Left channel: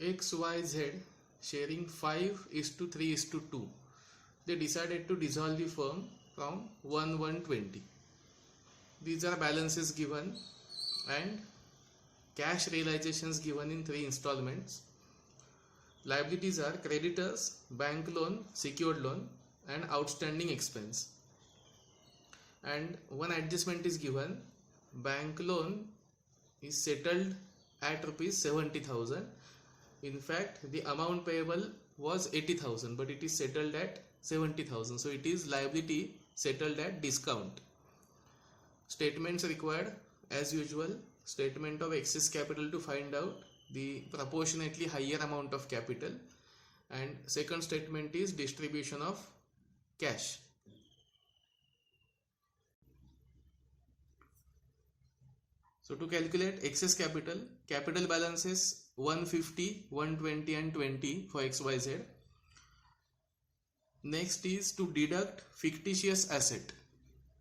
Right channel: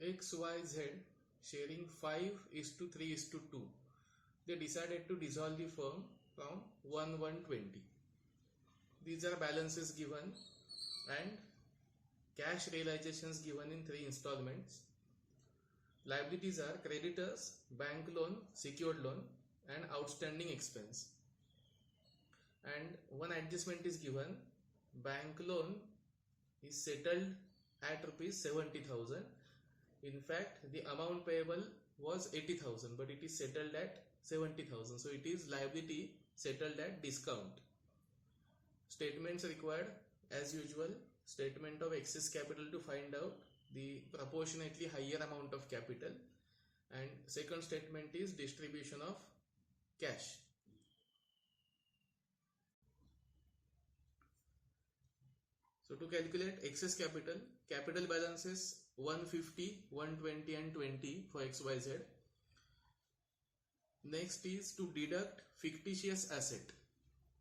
XYZ sharing 5 is to 3 is to 2. They decided to dissolve the firm from 1/1/20. These are balances given and cash realizations given in 3 installments. Liabilities are creditors, bank loan, secured loan and outstanding expense. And one adjustment is given. Bank loan is settled at rupees 70,000. In fact, the amount payable was 80,000, but it is settled at 70,000. So it is liability settled at discount. Statements required as usual. Statement of excess capital to find out the proportionately higher amount of capital. And second statement is distribution of cash. So to calculate excess capital, capital balances 150, 120 and 20 for XYZ. Next is to deduct fictitious asset.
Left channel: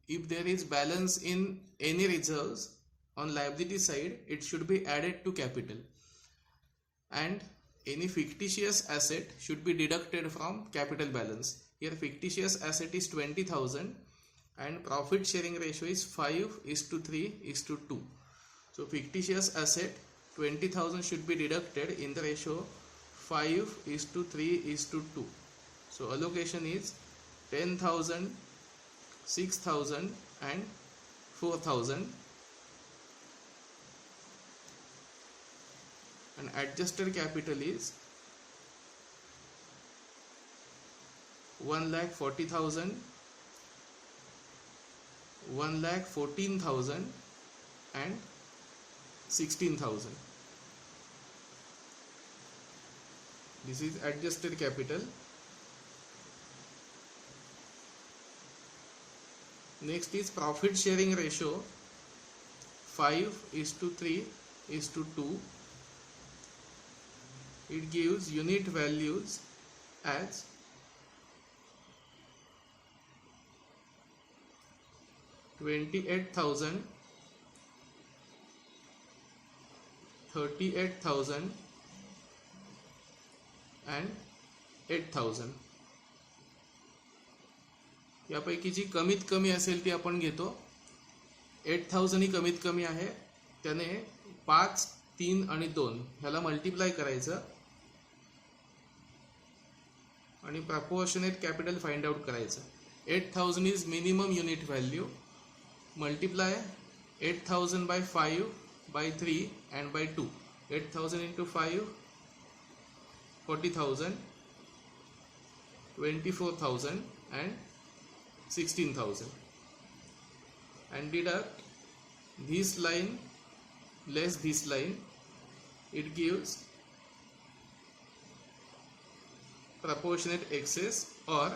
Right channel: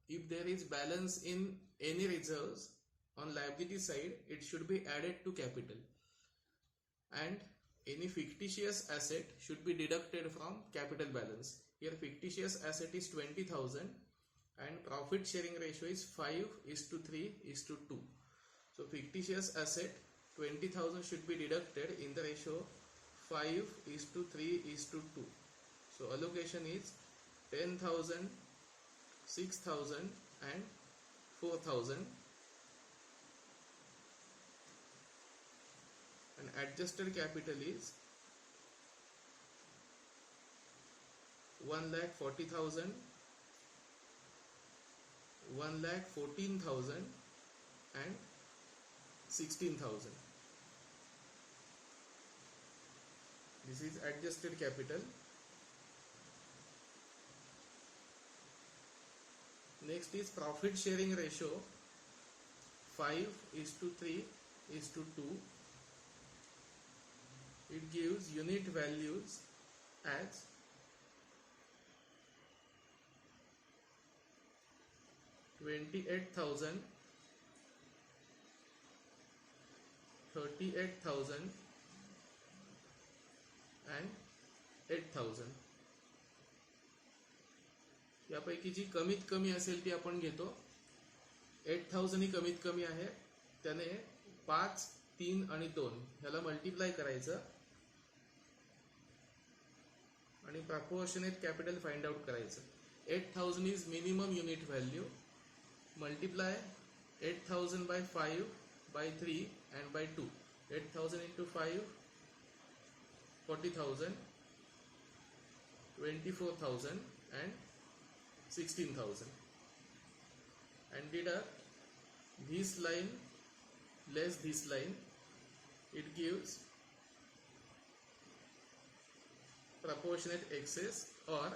If there is balance in any reserves on liability side, it should be added to capital. And any fictitious asset should be deducted from capital balance. Here fictitious asset is 20,000 and profit sharing ratio is 5 is to 3 is to 2. So fictitious asset 20,000 should be deducted in the ratio 5 is to 3 is to 2. So allocation is 10,000, 6,000 and 4,000. And adjusted capital is 1,40,000, 1,14,000 and 16,000. This is adjusted capital. Next is profit sharing ratio 5 is to 3 is to 2. It gives unit values as 28,000, 38,000 and 8,000. यापैकी जी कमीत कमी असेल ती आपण घेतो. 8,000 ही कमीत कमी आहे. त्याने 5, 3 आणि 2 ह्याला मल्टिप्लाय करायचं आणि प्रपोर्शनेट कॅपिटल फाइंड आउट करायचं. 8,000 is minimum unit value. Multiply 8,000 by 5 by 3 and by 2. 8,000 into 5 40,000, 24,000 and 16,000. And deduct this line less this line. It gives proportionate excess or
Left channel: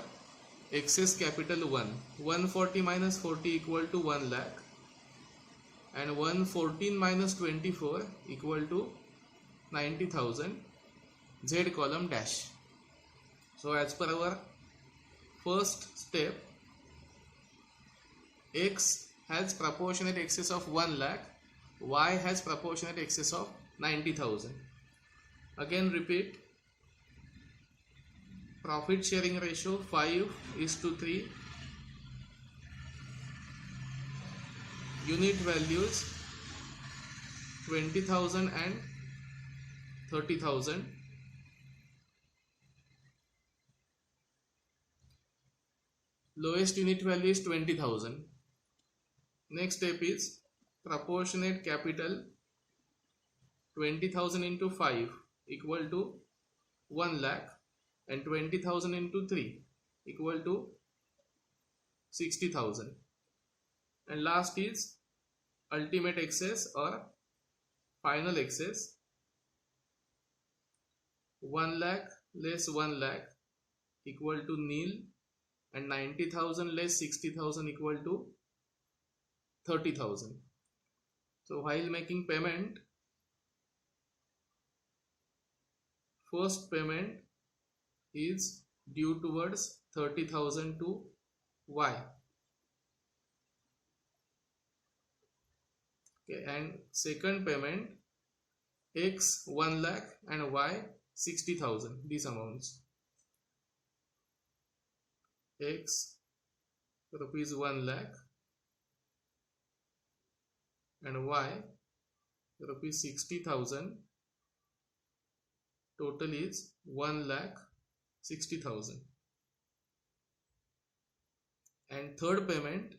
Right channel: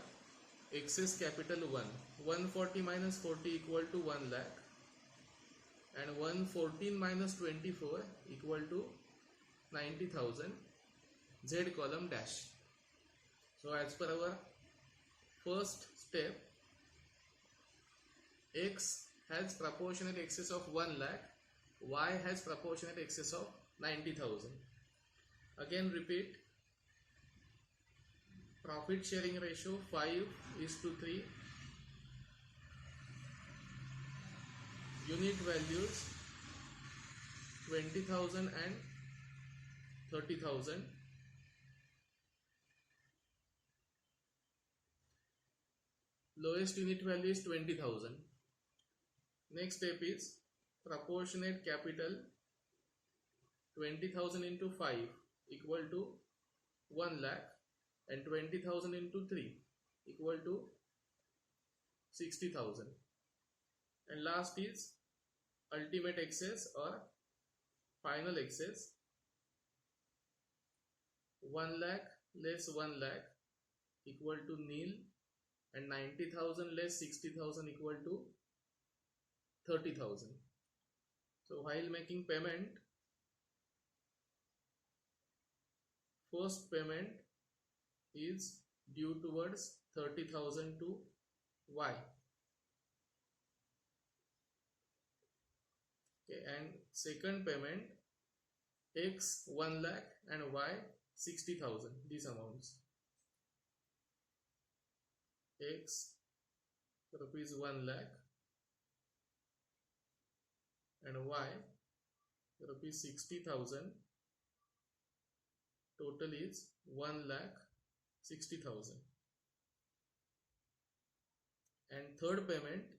excess capital 1. 140 minus 40 equal to 1 lakh and 114 minus 24 equal to 90,000. Z column dash. So as per our first step, X has proportionate excess of 1 lakh, Y has proportionate excess of 90,000. Again repeat. Profit sharing ratio 5 is to 3. Unit values 20,000 and 30,000. Lowest unit value is 20,000. Next step is proportionate capital 20,000 into 5 equal to 1 lakh and 20,000 into 3 equal to 60,000. And last is ultimate excess or final excess. 1 lakh less 1 lakh equal to nil and 90,000 less 60,000 equal to 30,000. So while making payment, first payment is due towards 30,000 to Y. Okay, and second payment X 1 lakh and Y 60,000. These amounts. X rupees 1 lakh and Y rupees 60,000. Total is 1 lakh 60,000. And third payment,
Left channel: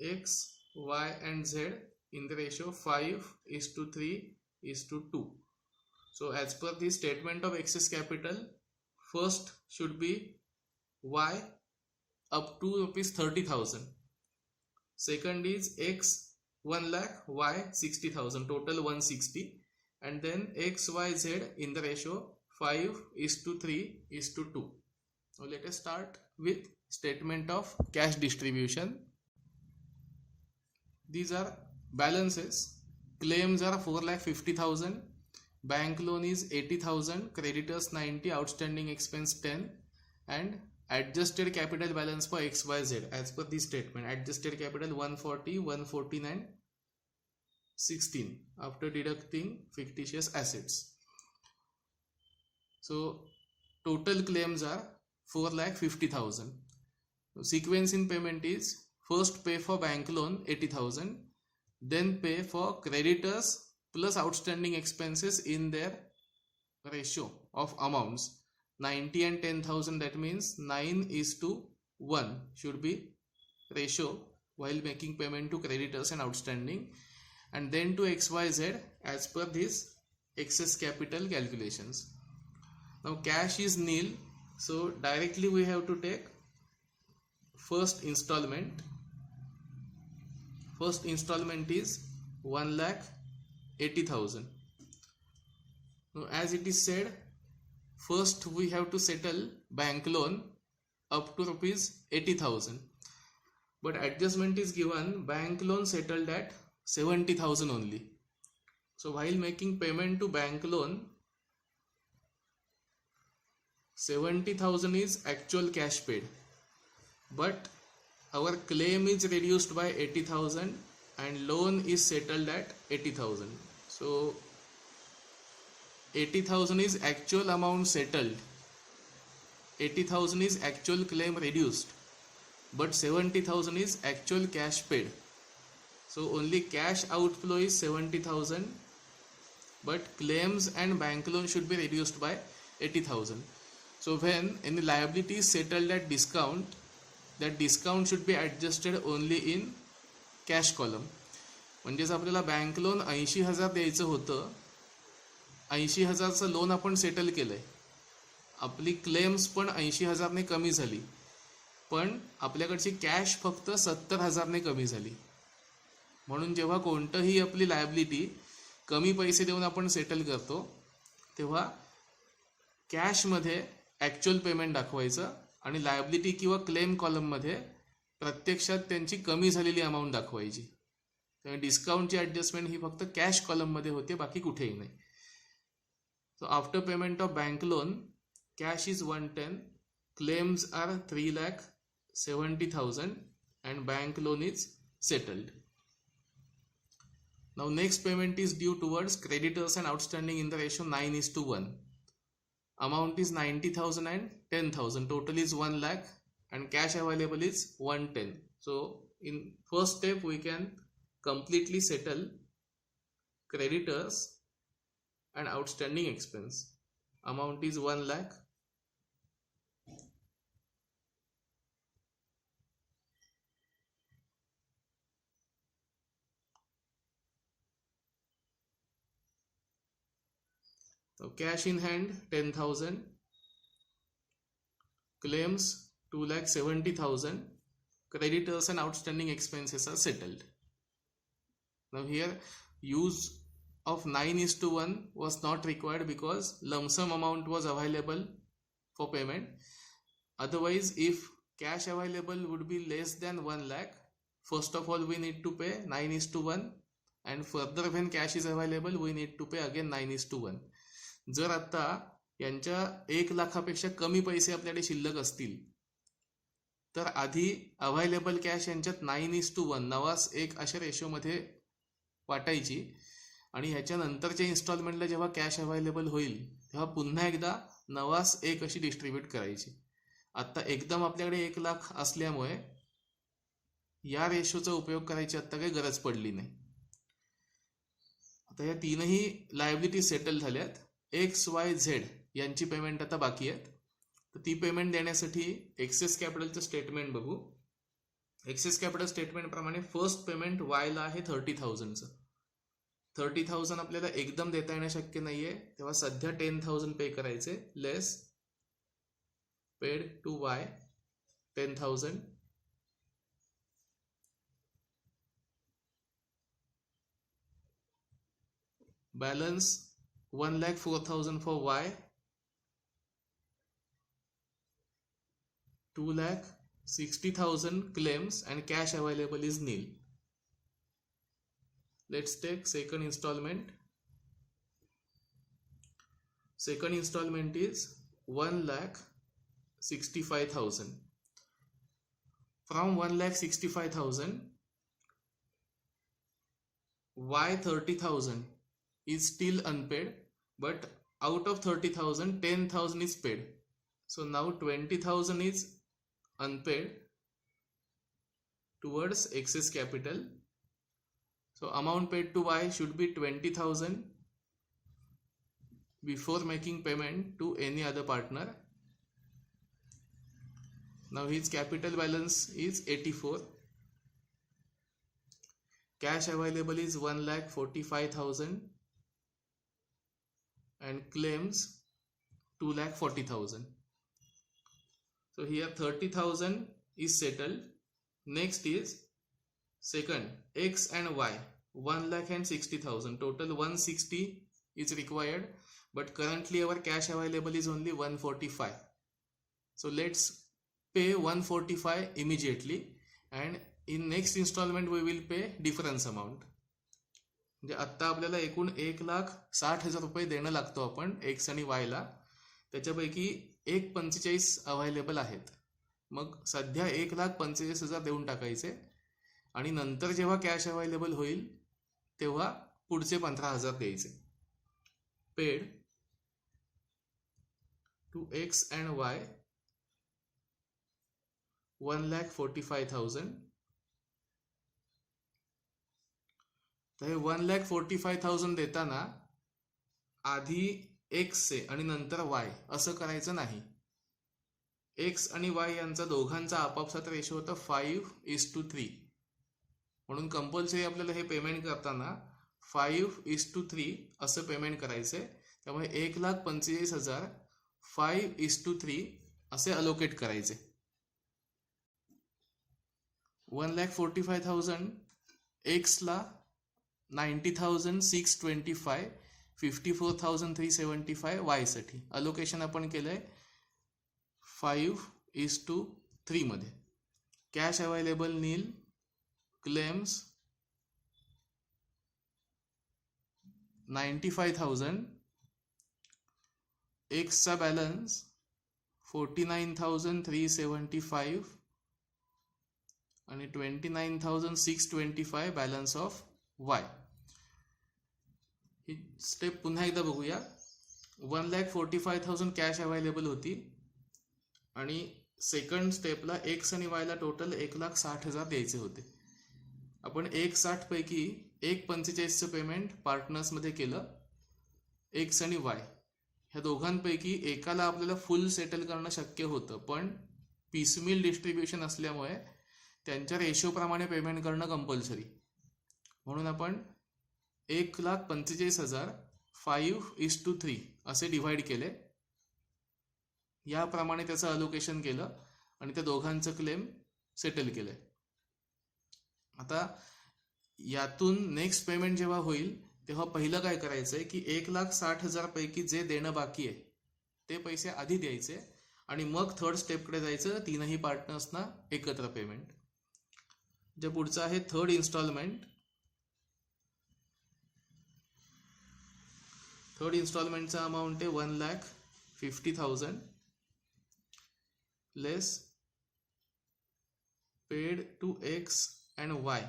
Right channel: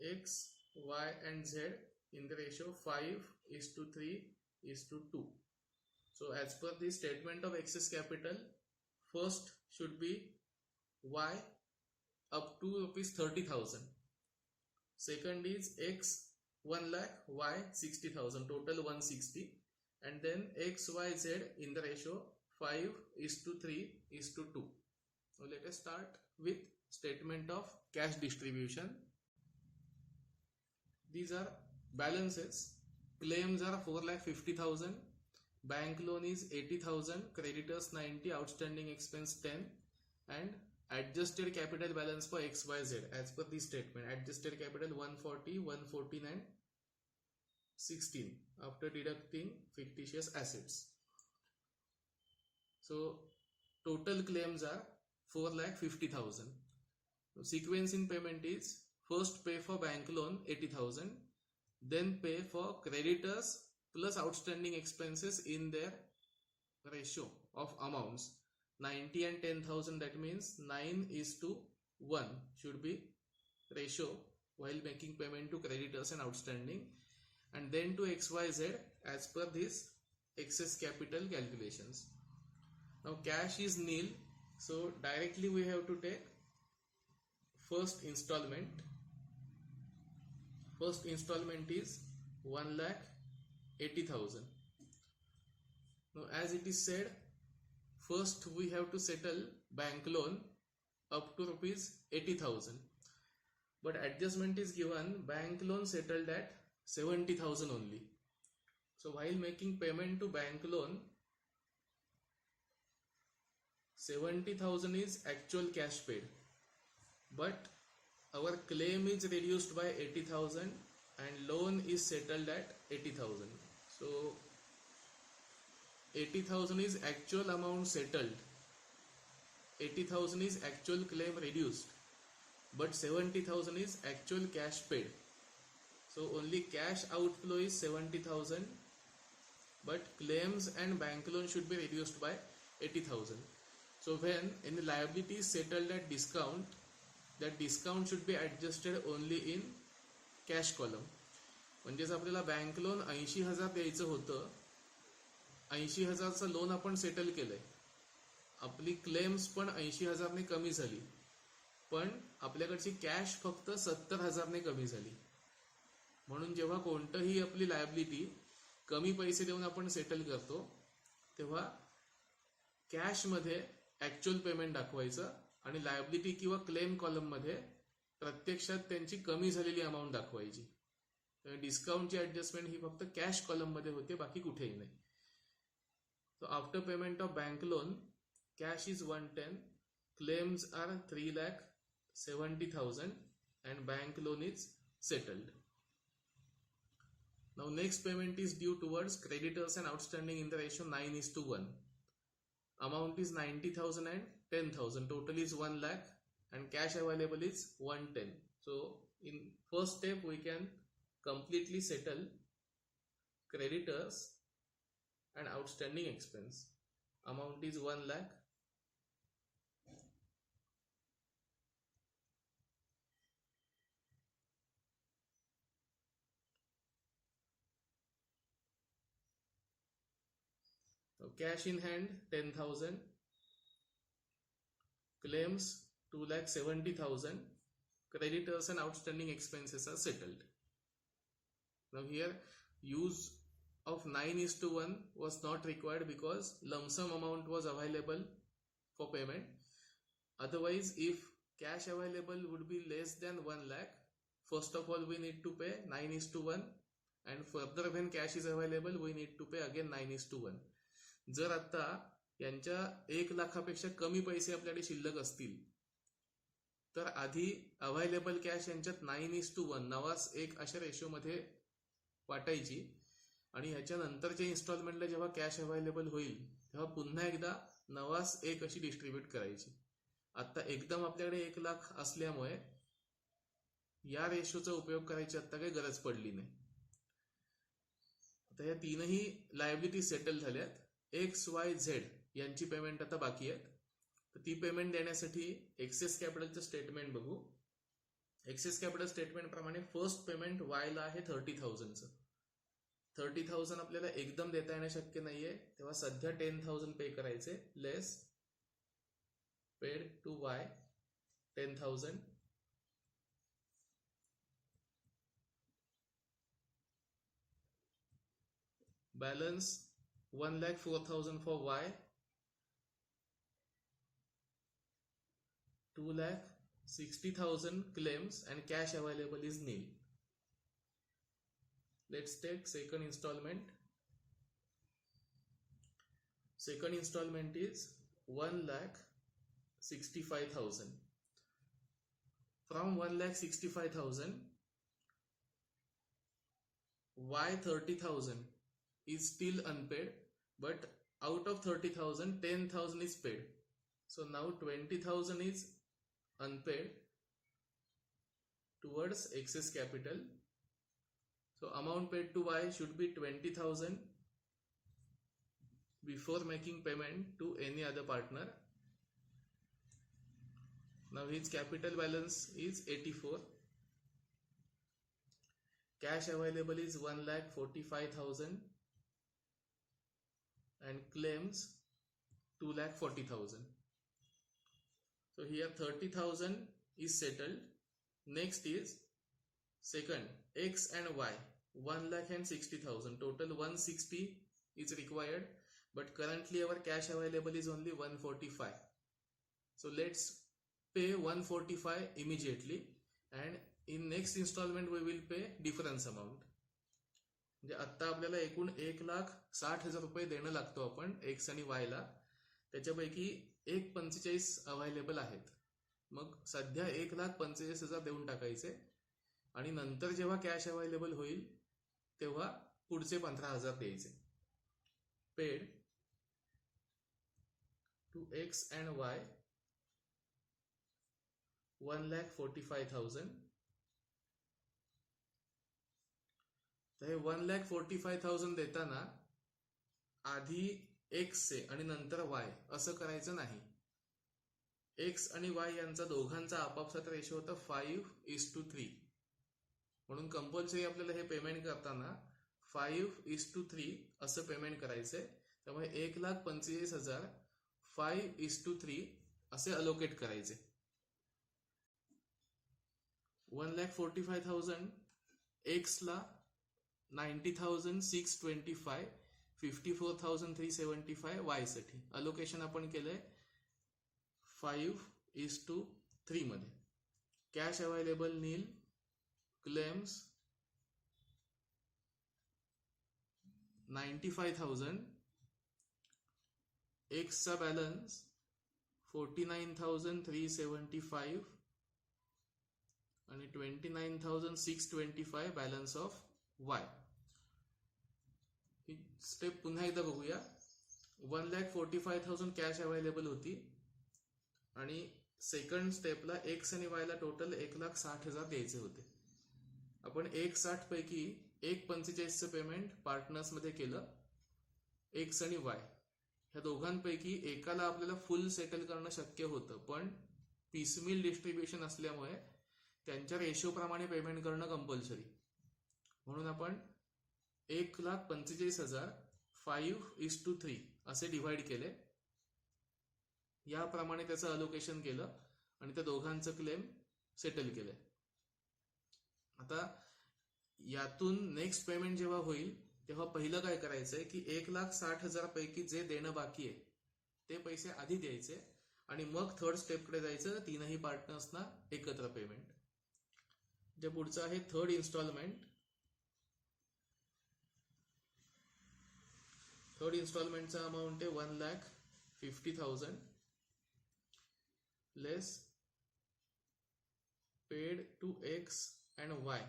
X, Y and Z in the ratio 5:3:2. So as per the statement of excess capital, first should be Y up to rupees 30,000. Second is X 1 lakh, Y 60,000, total 160. And then X, Y, Z in the ratio 5:3:2. Now let us start with statement of cash distribution. These are balances. Claims are 4,50,000. Bank loan is 80,000. Creditors 90. Outstanding expense 10. And adjusted capital balance for XYZ as per this statement. Adjusted capital 140, 149, 16 after deducting fictitious assets. So total claims are 4,50,000. Sequence in payment is first pay for bank loan 80,000, then pay for creditors plus outstanding expenses in their ratio of amounts 90 and 10,000. That means 9:1 should be ratio while making payment to creditors and outstanding, and then to XYZ as per this excess capital calculations. Now cash is nil, so directly we have to take first installment. First installment is 1,80,000. Now as it is said, first we have to settle bank loan up to rupees 80,000. But adjustment is given, bank loan settled at 70,000 only. So while making payment to bank loan, 70,000 is actual cash paid. But our claim is reduced by 80,000 and loan is settled at 80,000. So 80,000 is actual amount settled. 80,000 is actual claim reduced. But 70,000 is actual cash paid. So only cash outflow is 70,000. But claims and bank loan should be reduced by 80,000. So when any liability is settled at discount, that discount should be adjusted only in cash column. म्हणजेच आपल्याला bank loan 80,000 द्यायचं होतं, 80,000चं loan आपण settle केलंय, आपली claims पण 80,000 ने कमी झाली, पण आपल्याकडची कॅश फक्त 70,000 ने कमी झाली. म्हणून जेव्हा कोणतंही आपली लायबिलिटी कमी पैसे देऊन आपण सेटल करतो तेव्हा कॅश मध्ये ॲक्च्युअल पेमेंट दाखवायचं आणि लायबिलिटी किंवा क्लेम कॉलम मध्ये प्रत्यक्षात त्यांची कमी झालेली अमाऊंट दाखवायची. त्यामुळे डिस्काउंटची ॲडजस्टमेंट ही फक्त कॅश कॉलम मध्ये होते, बाकी कुठेही नाही. So after payment of bank loan, cash is 110, claims are 3,70,000 and bank loan is settled. Now next payment is due towards creditors and outstanding in the ratio 9:1. Amount is 90,000 and 10,000. Total is 1 lakh and cash available is 110. So in first step we can completely settle creditors and outstanding expense. Amount is 1 lakh. So cash in hand 10,000, claims 2,70,000, creditors and outstanding expenses are settled. Now here use of 9:1 was not required because lump sum amount was available for payment. Otherwise, if cash available would be less than 1 lakh, first of all we need to pay 9:1, and further when cash is available we need to pay again 9:1. जर आता यांच्या 1 लाखापेक्षा कमी पैसे आपल्याकडे शिल्लक असतील तर आधी अवेलेबल कॅश यांच्यात 9:1 नावास एक अशा रेशोमध्ये वाटायची आणि ह्याच्यानंतरच्या इन्स्टॉलमेंटला जेव्हा कॅश अवेलेबल होईल तेव्हा पुन्हा एकदा 9/1 अशी डिस्ट्रीब्यूट करायची. आता एकदम आपल्याकडे 1 लाख असल्यामुळे या रेशोचा उपयोग करायची आता काही गरज पडली नाही. आता या तीनही लायबिलिटी सेटल झाल्यात. XYZ यांची पेमेंट आता बाकी आहेत. तर ती पेमेंट देण्यासाठी एक्सेस कॅपिटलचं स्टेटमेंट बघू. एक्सेस कॅपिटल स्टेटमेंट प्रमाणे फर्स्ट पेमेंट वायला आहे 30,000चं. 30,000 आपल्याला एकदम देता येणं शक्य नाहीये, तेव्हा सध्या 10,000 पे करायचे. Less paid to Y 10,000. Balance 1,04,000 for Y, 2,60,000 claims and cash available is nil. Let's take second installment. Second installment is 1,65,000. From 1,65,000, Y 30,000 is still unpaid, but out of 30,000, 10,000 is paid. So now 20,000 is unpaid towards excess capital. So amount paid to Y should be 20,000 before making payment to any other partner. Now his capital balance is 84. Cash available is 1,45,000 and claims 2,40,000. So here 30,000 is settled. Next is second X and Y, 1,60,000. Total 160 is required, but currently our cash available is only 145. So let's pay 145 immediately, and in next installment we will pay difference amount. म्हणजे आत्ता आपल्याला एकूण 1,60,000 रुपये देणं लागतो आपण x आणि वायला. त्याच्यापैकी 1,45 अवेलेबल आहेत. मग सध्या 1,45,000 देऊन टाकायचे आणि नंतर जेव्हा कॅश अवेलेबल होईल तेव्हा पुढचे 15,000 द्यायचे. पेड टू एक्स अँड वाय 1,45,000. तर हे 1,45,000 देताना आधी एक्सचे आणि नंतर वाय असं करायचं नाही. एक्स आणि वाय यांचा दोघांचा आपापसात रेशो होता 5:3. म्हणून कंपल्सरी आपल्याला हे पेमेंट करताना 5:3 असं पेमेंट करायचंय. त्यामुळे 1,45,000 5:3 असे अलोकेट करायचे. 1,45,000 एक्सला 90,625, 54,375 वाय साठी अलोकेशन आपण केलंय 5:3 मध्ये. कॅश अवेलेबल नील, क्लेम्स 95,000, एक्सचा बॅलन्स 49,375 आणि 29,625 balance of Y. He step पुन्हा एकदा बघूया. 1,45,000 कॅश अवेलेबल होती आणि सेकंड स्टेपला एक्स आणि वायला टोटल 1,60,000 द्यायचे होते. आपण 1,60 पैकी 1,45चं पेमेंट पार्टनर्समध्ये केलं. एक्स आणि वाय ह्या दोघांपैकी एकाला आपल्याला फुल सेटल करणं शक्य होतं, पण पीसमिल डिस्ट्रीब्युशन असल्यामुळे त्यांच्या रेशोप्रमाणे पेमेंट करणं कंपल्सरी. म्हणून आपण 1,45,000 5:3 असे डिव्हाइड केले. याप्रमाणे त्याचं अलोकेशन केलं आणि त्या दोघांचं क्लेम सेटल केलंय. आता यातून नेक्स्ट पेमेंट जेव्हा होईल तेव्हा पहिलं काय करायचंय की 1,60,000 पैकी जे देणं बाकी आहे ते पैसे आधी द्यायचे आणि मग थर्ड स्टेपकडे जायचं, तीनही पार्टनर्सना एकत्र पेमेंट. जे पुढचं आहे थर्ड इन्स्टॉलमेंट. थर्ड इन्स्टॉलमेंटचा अमाऊंट आहे 1,50,000 less paid to X and Y.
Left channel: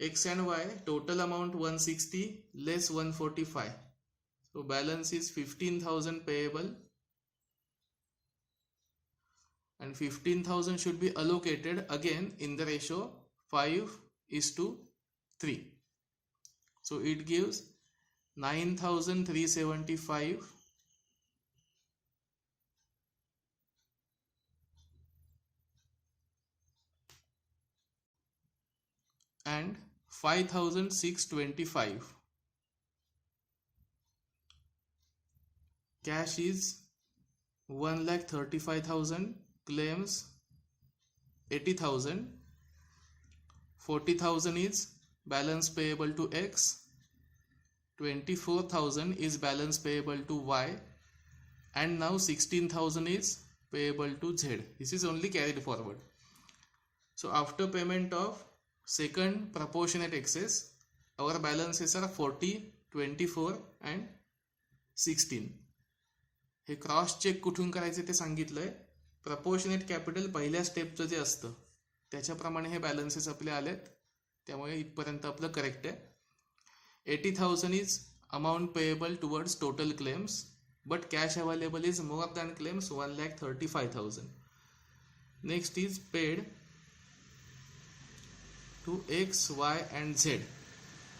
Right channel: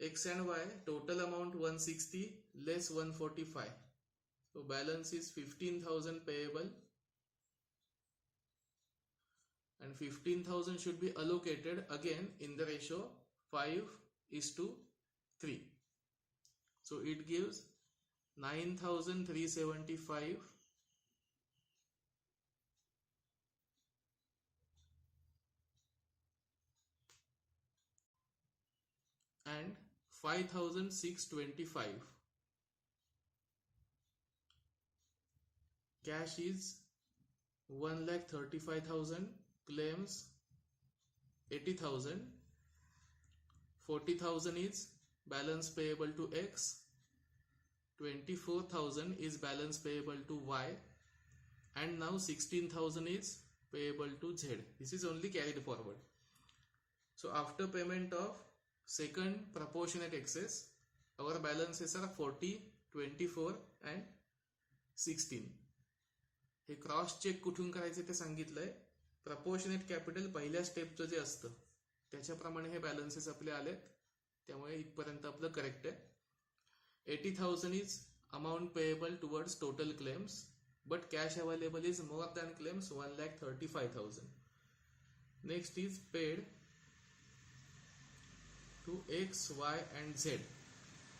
X and Y, total amount 160 less 145. So balance is 15,000 payable, and 15,000 should be allocated again in the ratio 5:3. So it gives 9,375 and 5,625. Cash is 1,35,000, claims 80,000, 40,000 is balance payable to X, 24,000 is balance payable to Y, and now 16,000 is payable to Z. This is only carried forward. So after payment of second proportionate excess, our balances are 40, 24 and 16. Hey cross check कुठून करायचे ते सांगितलंय. Proportionate capital पहिल्या स्टेपचं जे असतं त्याच्याप्रमाणे हे balances आपले आलेत, त्यामुळे इथपर्यंत आपलं करेक्ट आहे. 80,000 is amount payable towards total claims, but cash available is more than claims 1,35,000. Next is paid to X, Y and Z.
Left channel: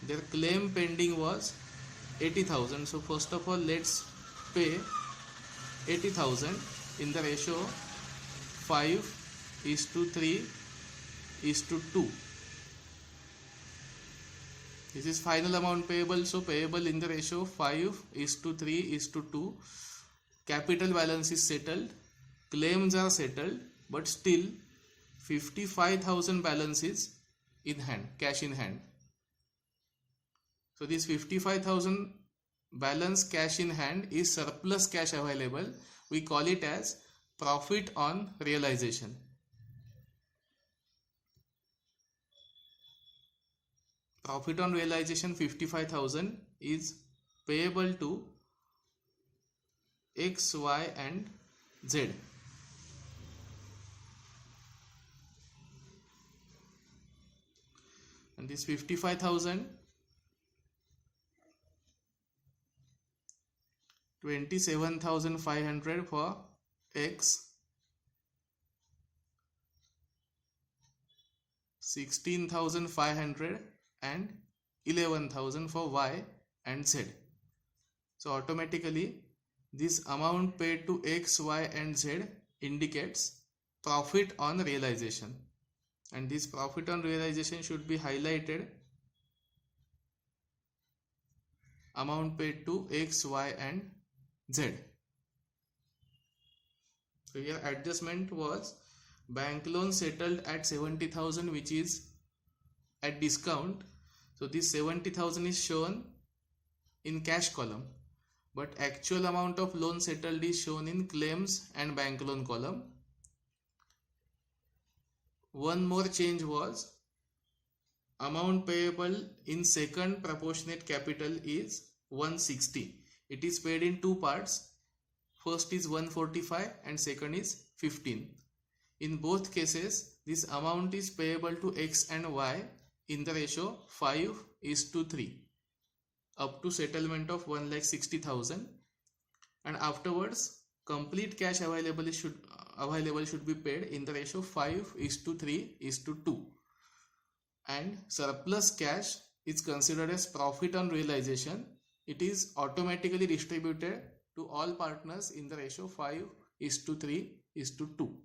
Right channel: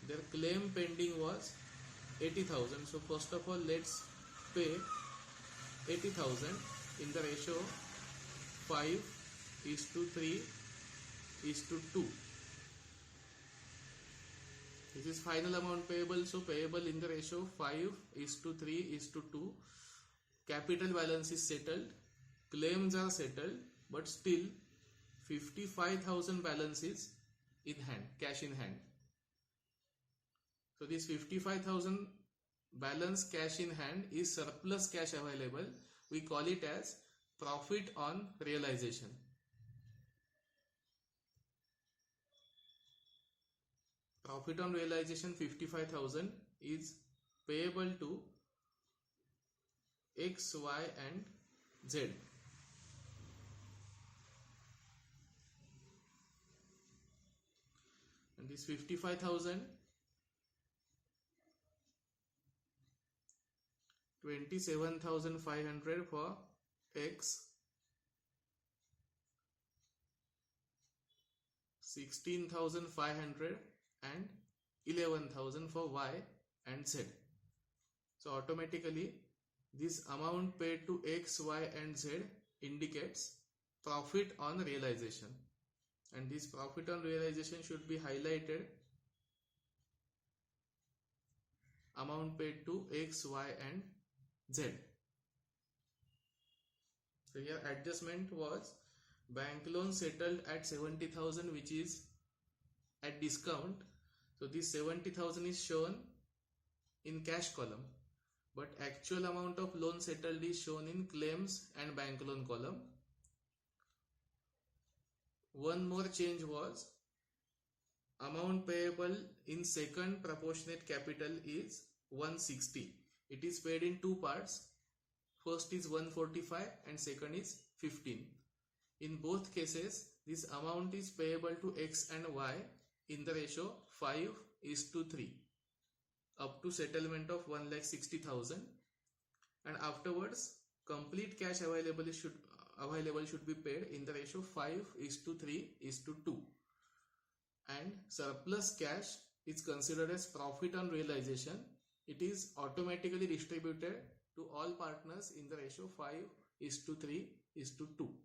Their claim pending was 80,000. So first of all, let's pay 80,000 in the ratio 5:3:2. This is final amount payable. So payable in the ratio 5:3:2. Capital balance is settled. Claims are settled, but still 55,000 balance is in hand, cash in hand. So this 55,000 balance cash in hand is surplus cash available. We call it as profit on realization. Profit on realization 55,000 is payable to X, Y and Z. And this 55,000, 27,500 for X, 16,500 and 11,000 for Y and Z. So automatically this amount paid to X, Y and Z indicates profit on realization, and this profit on realization should be highlighted. Amount paid to X, Y and Z. So here adjustment was bank loan settled at 70,000, which is at discount. So this 70,000 is shown in cash column, but actual amount of loan settled is shown in claims and bank loan column. One more change was amount payable in second proportionate capital is 160. It is paid in two parts. First is 145 and second is 15. In both cases, this amount is payable to X and Y in the ratio 5:3 up to settlement of 1,60,000, and afterwards complete cash available should be paid in the ratio 5:3:2, and surplus cash is considered as profit on realization. It is automatically distributed to all partners in the ratio 5:3:2.